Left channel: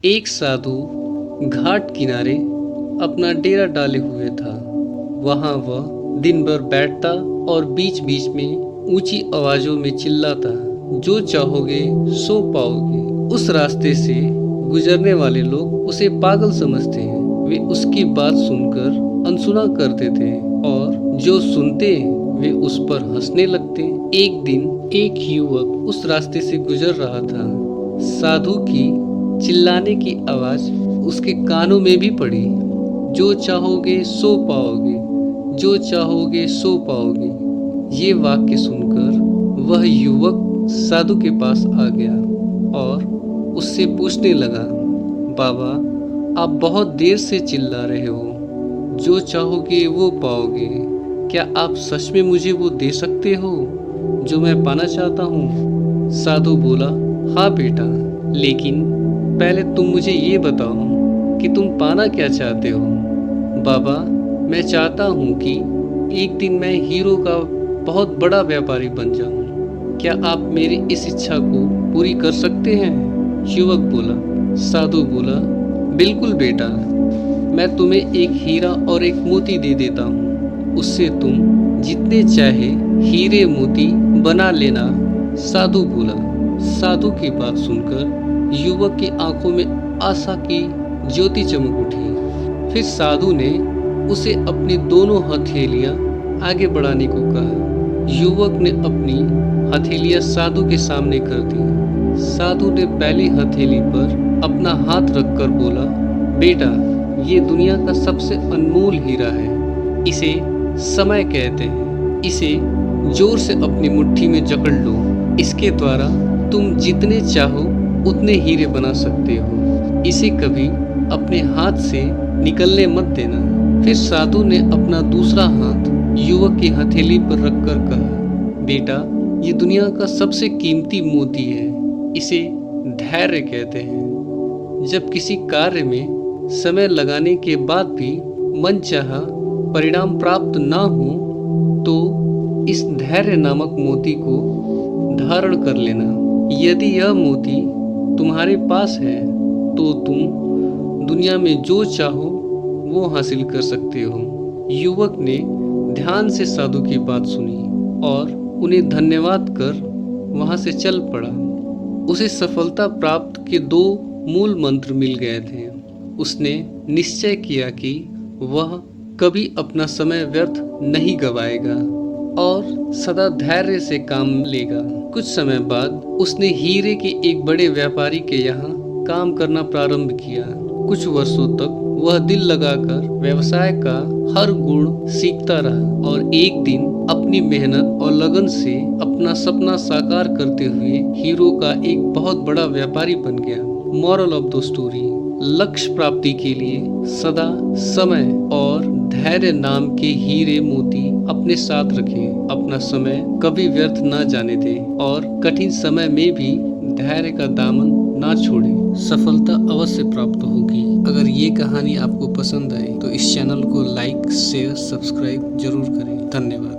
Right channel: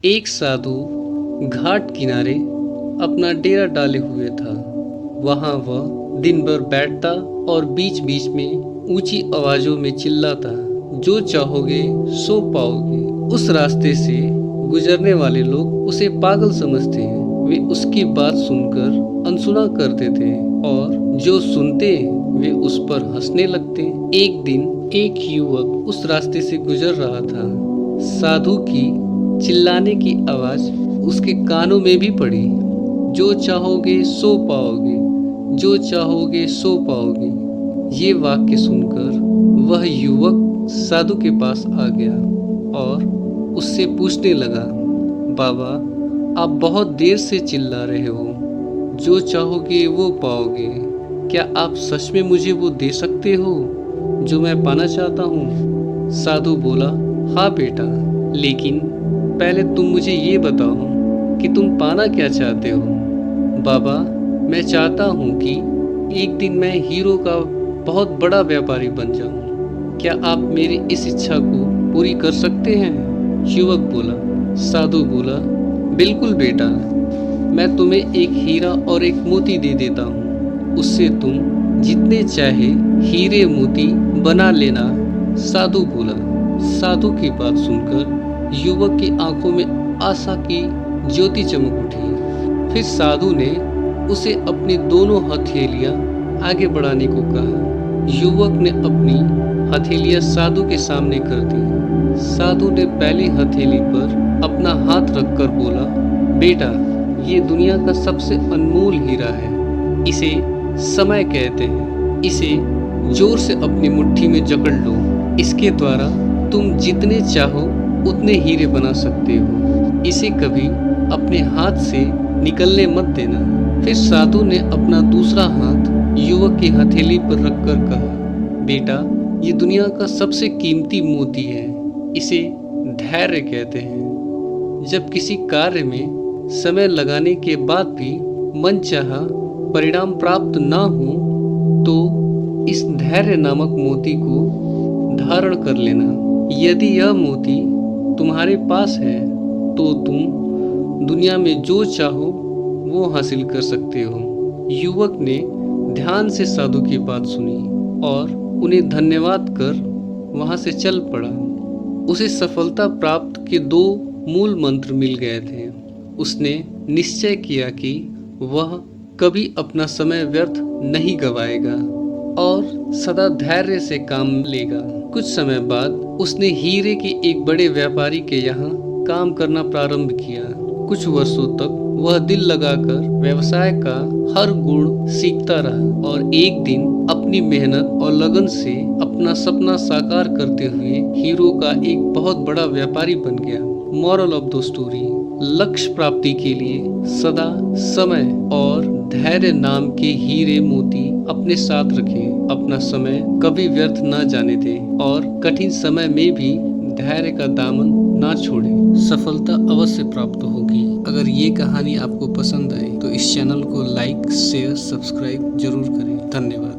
एक साधु घाट किनारे अपना डेरा डाले हुए था। वहाँ वह दिन भर बैठता और बीच बीच में ऊंची आवाजों में चिल्लाता, जो चाहोगे सो पाओगे। उस रास्ते से गुजरने वाले लोग उसे पागल समझते हैं। वे उसकी बात सुनकर अनसुना कर देते हैं और जो सुनते वे उस पर हंसने लगते। एक दिन एक युवक उस रास्ते से गुजर रहा था। साधु की चिल्लाने की आवाज उसके कानों में भी पड़ी, जो चाहोगे सो पाओगे, जो चाहोगे सो पाओगे। ये वाक्य सुनकर वह युवक साधु के पास आ गया और उससे पूछने लगा, बाबा, आप बहुत देर से चिल्ला रहे हो, जो चाहोगे वो पाओगे। क्या आप सच में मुझे वो दे सकते हो जो मैं पाना चाहता हूँ? साधु बोला, हाँ बेटा, लेकिन पहले तुम मुझे ये बताओ कि तुम पाना क्या चाहते हो। बाबा, मैं चाहता हूँ कि एक दिन मैं हीरो का बहुत बड़ा व्यापारी बन जाऊँ। क्या आप मेरी इस इच्छा को पूरी कर सकते हैं? युवक बोला। साधु बोला, बिल्कुल बेटा, मैं तुम्हें एक हीरा और एक मोती दे देता हूँ। उससे तुम जितने चाहे हीरे मोती बना लेना। साधु बोला। साधु की बात सुनकर युवक की आंखों में आशा की ज्योति चमक उठी। फिर साधु ने उसे अपनी दोनों हथेलियां आगे बढ़ाने को कहा। युवक ने अपनी हथेलियां साधु के सामने कर दी। साधु ने पहली हथेली पर अपना हाथ रखकर बोला, बेटा, ये दुनिया का सबसे अनमोल हीरा है। इसे समय कहते हैं। इसे जोर से अपनी मुट्ठी में जकड़ लो। इसके द्वारा तुम जितने चाहो उतने हीरे बना सकते हो। इसे कभी अपने हाथ से निकलने मत देना। फिर साधु ने अपना दूसरा हाथ युवक की हथेली पर रखकर कहा, बेटा, ये दुनिया का सबसे कीमती मोती है। इसे धैर्य कहते हैं। जब किसी कार्य में समय लगाने के बाद भी मनचाहा परिणाम प्राप्त ना हो तो इस धैर्य नामक मोती को धारण कर लेना। यदि यह मोती तुम्हारे पास है तो तुम दुनिया में जो चाहो वो हासिल कर सकते हो। युवक ने ध्यान से साधु की बात सुनी और उन्हें धन्यवाद कर वहां से चल पड़ा। उसे सफलता प्राप्त के 2 मूल मंत्र मिल गए थे। उसने निश्चय किया कि वह कभी अपना समय व्यर्थ नहीं गवाएगा और सदा धैर्य से काम लेगा। कुछ समय बाद उसने हीरे के एक बड़े व्यापारी के यहाँ काम करना प्रारंभ किया। कुछ वर्षों तक वह दिल लगाकर व्यवसाय का हर गुण सीखता रहा और एक दिन अपनी मेहनत और लगन से अपना सपना साकार करते हुए हीरो का एक बहुत बड़ा व्यापारी बन गया। मॉरल ऑफ द स्टोरी, लक्ष्य प्राप्ति के लिए सदा समय और धैर्य नाम के हीरे मोती अपने साथ रखें। अपना समय कभी व्यर्थ ना जाने दें और कठिन समय में भी धैर्य का दामन ना छोड़ें। सफलता अवश्य प्राप्त होगी। अगर ये कहानी आपको पसंद आए तो इस चैनल को लाइक, शेयर, सब्सक्राइब जरूर करें। धन्यवाद।